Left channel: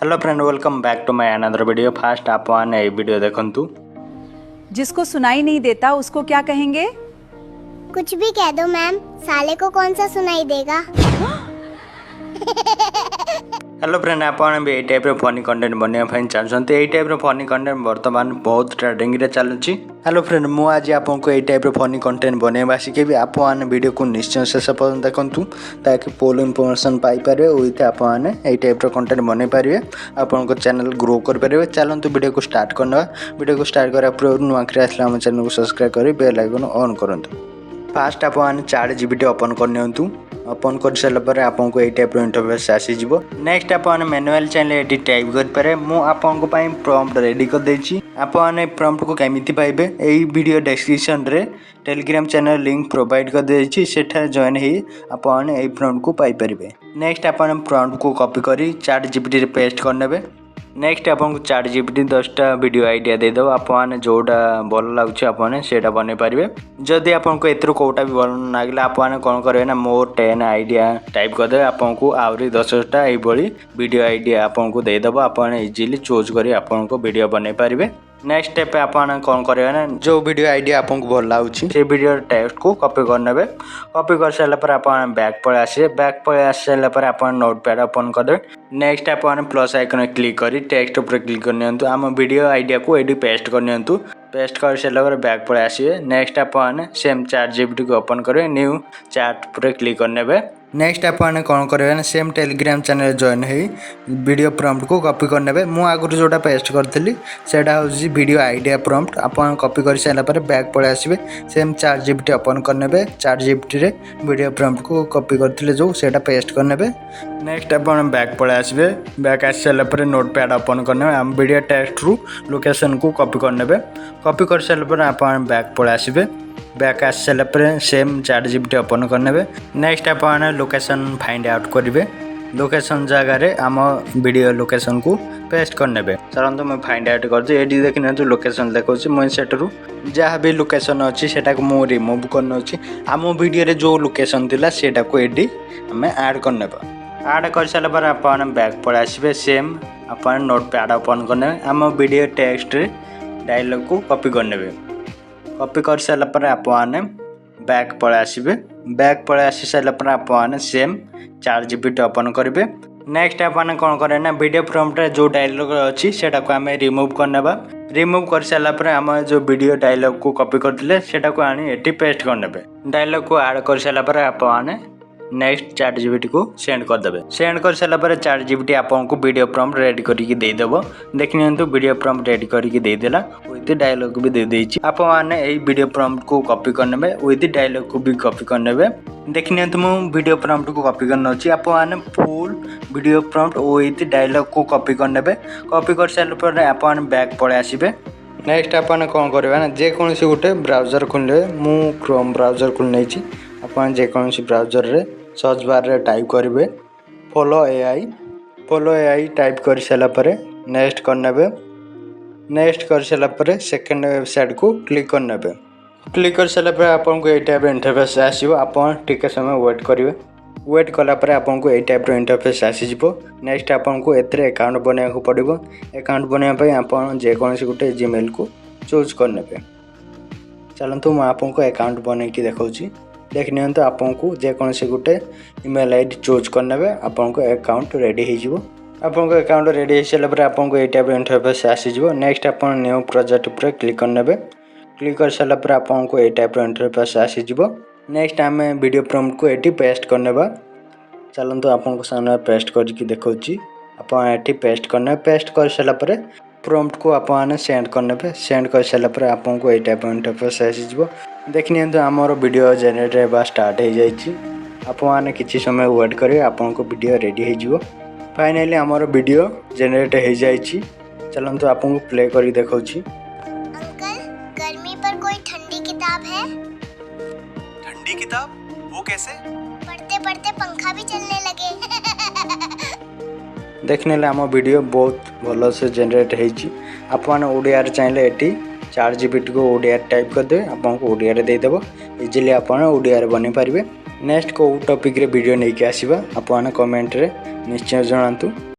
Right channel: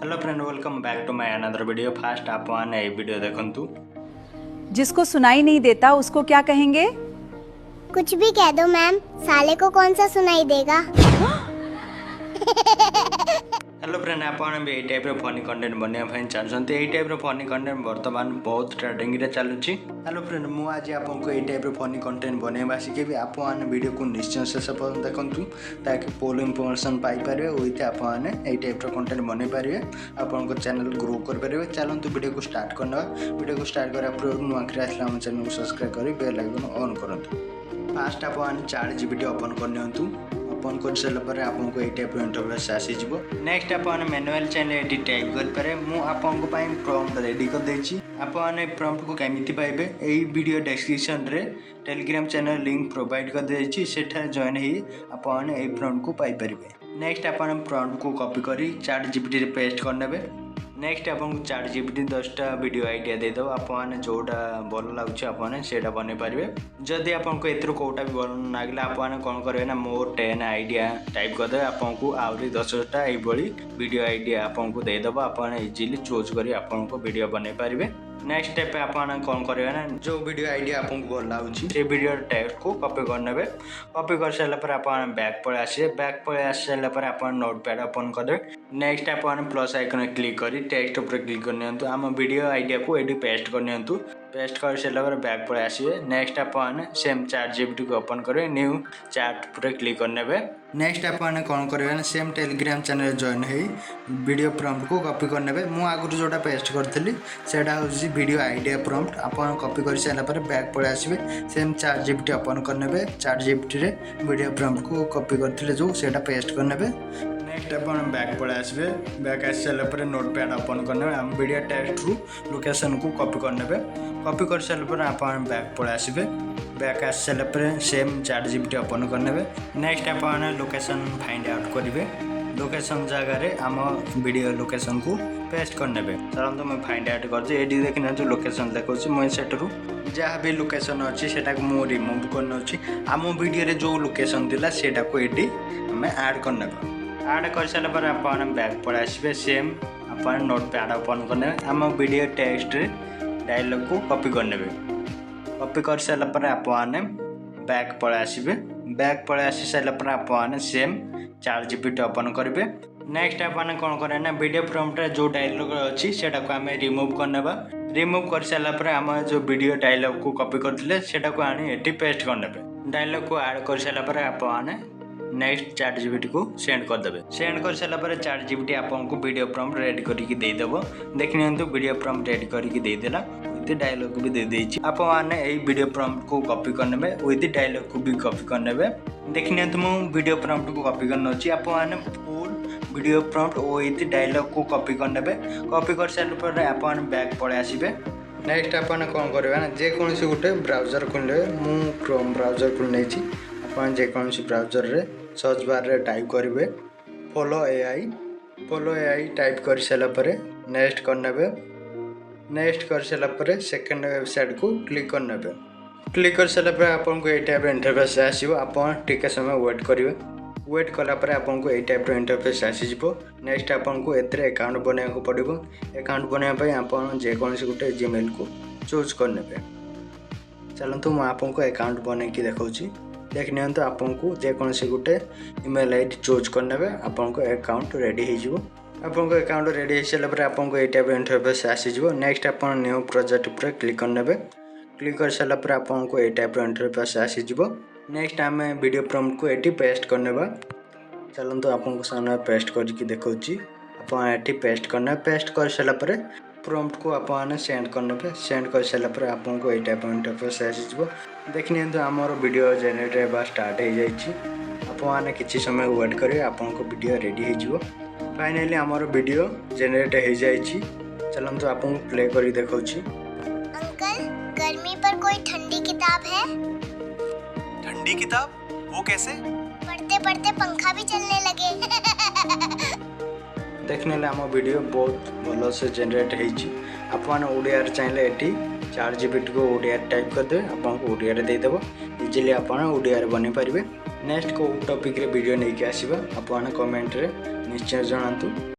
Hello friend, welcome back to my another video. Fast आप ए video देखंतु। जिसको सुनाई नहीं देता उसको क्या कहेंगे? कुछ भी कह दो मैम, साले को कौन सा सुनाई देगा। हेलो फ्रेंड, आप यही टाइप फनी कंटेंट बनवाई चाहते यही टाइप फनी कंटेंट बर्तमान बहुत ट्रेंडिंग रे चलुची। हेलो फ्रेंड, मु आज आपको यही टाइप फनी कंटेंट बनवा शिखेबी। आप वीडियो को निश्चय शेष पर्यटन देखूँ ताकि फुल इनफॉरमेशन पाइपर विथ आपने यही टाइप कंटेंट बनई पारे। आपको चैनल ग्रो करेंगे। चलते वीडियो को स्टार्ट करना। वीडियो को स्टार्ट करा नुआखिरी आसला आम चैनल को सब्सक्राइब कर बेल आइकन ऑन करूँ। फास्ट आपने चैट जीपीटी ओपन करनी। ओपन कर सारापर आपको यही टाइप इंटरफेस आसीज। नेक्स्ट आपने मैनुअल चैनल ये टाइप करेंगे। मुझे प्रॉम्प्ट रेडी कर देछि। आपने प्रॉम्प्ट को केमिति पाइबे यही वीडियो डिस्क्रिप्शन रे टेलीग्राम चैनल लिंक प्रोवाइड कर देछि। सेठा जॉइन ही आपने यही प्रॉम्प्ट को पाई परिबे। नेक्स्ट आपने प्रॉम्प्ट को कॉपी करी चैट जीपीटी रे पेस्ट करनेबे। नेक्स्ट आपको चैट जीपीटी 10टा वीडियो आइडिया देदेव। आपने जोटा भल लगुच आपने सेटा बन पारे। जदि आपको एथर कोटा भी भल लगे आपने कौन करेंगे ना मोर 10 आइडिया टाइप करदे। आपको आहरी 10टा यही वीडियो आइडिया आपको देदेव। आपने इजिली चूज कर आपको वीडियो बन पारे। नेक्स्ट स्टेप आपने कौन करेंगे ना जो वीडियो आइडिया आपको भल लगुच से वीडियो टेक्स्ट को कॉपी करने। कॉपी कर सारापर आप बैक पड़े आसे। बैक पड़े आस सारापर आप नोटपैड ओपन करदे। नेक्स्ट आपने प्लस आइकन क्लिक कर टेक्स्ट उपर क्लिक कर आम वीडियो आइडिया को ये पेस्ट कर पेस्ट कर सारापर बैक पड़े आसवे। नेक्स्ट आपने सेम चैट जीपीटी को ओपन करेंगे। न्यू चैट पर क्लिक करने। नेक्स्ट आपने कौन करेंगे सेम टेलीग्राम चैनल जॉइन हो वीडियो प्रॉम्प्ट को कॉपी करने। मु आगुरी जोटा पेस्ट करी से वीडियो आइडिया प्रॉम्प्ट आप कॉपी कर सारापर बैक पड़े आसवे। सेम चैट जीपीटी ओपन करने। चैट जीपीटी रे वीडियो प्रॉम्प्ट को कॉपी करते जो सेटा पेस्ट करने। नेक्स्ट आप बैक पड़े आसवे। बैक आस सारापर नोटपैड ओपन करने। आम वीडियो टेक्स्ट रु लोकेशन को कॉपी करने। कॉपी कर सारापर आप बैक पड़े आसवे। बैक आस सारापर सेम चैट जीपीटी ओपन करने। नेक्स्ट आपने लोकेशन फाइंड आउट करेंगे। लोकेशन जगार आम वीडियो लोकेशन को पेस्ट करने। चलते मैं फाइंड आउट कर ये देखने लोकेशन देखा मुझे सेठू जहाँ भी लोकेशन अच्छी से मुझे रिमूव करना अच्छी। आम वीडियो जो लोकेशन थी सेटा को ये आम ऐड करने। ऐड कर सारापर आप बैक पड़े आसवे। सेम आप नोटपैड ओपन करने। आम वीडियो टेक्स्ट डायलॉग को कॉपी करने। कॉपी कर सारापर आपने बैक पड़े आसवे। बैक पड़े आसी सारापर आपने सेम चैट जीपीटी ओपन करेंगे। नेक्स्ट आपने कौन करें ना वीडियो प्रॉम्प्ट जो डायलॉग अच्छी से आम रिमूव करने। रिमूव कर सारापर आम जो वीडियो डायलॉग को कॉपी करते सेटा को आनी ये पेस्ट करने। डायलॉग को ऐड कर सारापर आपने नेक्स्ट चैट जीपीटी को सेंड करदे। सेंड कर सारापर चैट जीपीटी आपको वीडियो प्रॉम्प्ट रेडी करके देदेव। देखनी वीडियो प्रॉम्प्ट रेडी करके देदेला विथ डायलॉग भी दे देछि। आप माने यही वीडियो प्रॉम्प्ट को कॉपी करने विथ डायलॉग को भी कॉपी करने। देखनी मु वीडियो प्रॉम्प्ट को कॉपी करना अच्छी। आप माने full video prompt with dialogue को कॉपी करने। कॉपी कर सारापर आप बैक पड़े आसवे। नेक्स्ट आपने कौन करेंगे ना जेकोसी गोटे ब्राउजर खोलिए। मु क्रोम ब्राउजर खोल नहीं। आप जेकोसी ब्राउजर रे सर्च बार रे टाइप करेंगे follow AI. Follow AI type कर सारापर नेक्स्ट करने। नेक्स्ट कर सारापर सेकेंड वेबसाइट को क्लिक करने। क्लिक कर सारापर आपको ये टाइप इंटरफेस आसो। आप टिके समय वेट करेंगे। वेट कलापर आपको ये टाइप इंटरफेस आसीज। नेक्स्ट आपको एथरे अकाउंट बनवाक पड़ो। अकाउंट बनवाई आप जेकोसी गोटे जीमेल को चूज करने। चलतु मुझे आपको अकाउंट बनईकी देखा। देखनी आपको जेकोसी गोटे ईमेल आईडी चूज करने। आपको अकाउंट रेडी हो। आपको अकाउंट रेडी हो सारापर आपको ये टाइप इंटरफेस आसीज। नेक्स्ट आप न्यू प्रोजेक्ट पर क्लिक करने। क्लिक कर सारापर आपको ये टाइप इंटरफेस आसीज। नेक्स्ट आम वीडियो प्रॉम्प्ट को ये पेस्ट करने। चलते आपको सामने पेस्ट करके देखा। आप ये पेस्ट करने। पेस्ट कर सारापर प्रॉम्प्ट को आपने सेंड करने। सेंड कर सारापर आपको ये टाइप इंटरफेस आसीज। देखनी आमर वीडियो जेनेरेट होगा स्टार्ट हो जाए। आपने किसी समय वेट करेंगे आपको वीडियो रेडी हो। फाइनली आमर वीडियो जेनेरेट हो जाए। चलते आपको प्ले कर देखा। अंकल, गर्मी पर कोई ठंडी किताब है? ठंडी किताब? वो कैसे? पढ़ते पढ़ते पंखा भी चलने लगे। देखने आम वीडियो बहुत भल से जेनेरेट होने ओडिया चाहिए ये चैट जीपीटी को ओडिया टाइप करदे। आपको ओडिया देदेव। इजिली आप ओडिया बन पारे। नेक्स्ट को टॉपिक रे वीडियो नहीं आसवा आपने कमेंट रे निश्चय जनातु।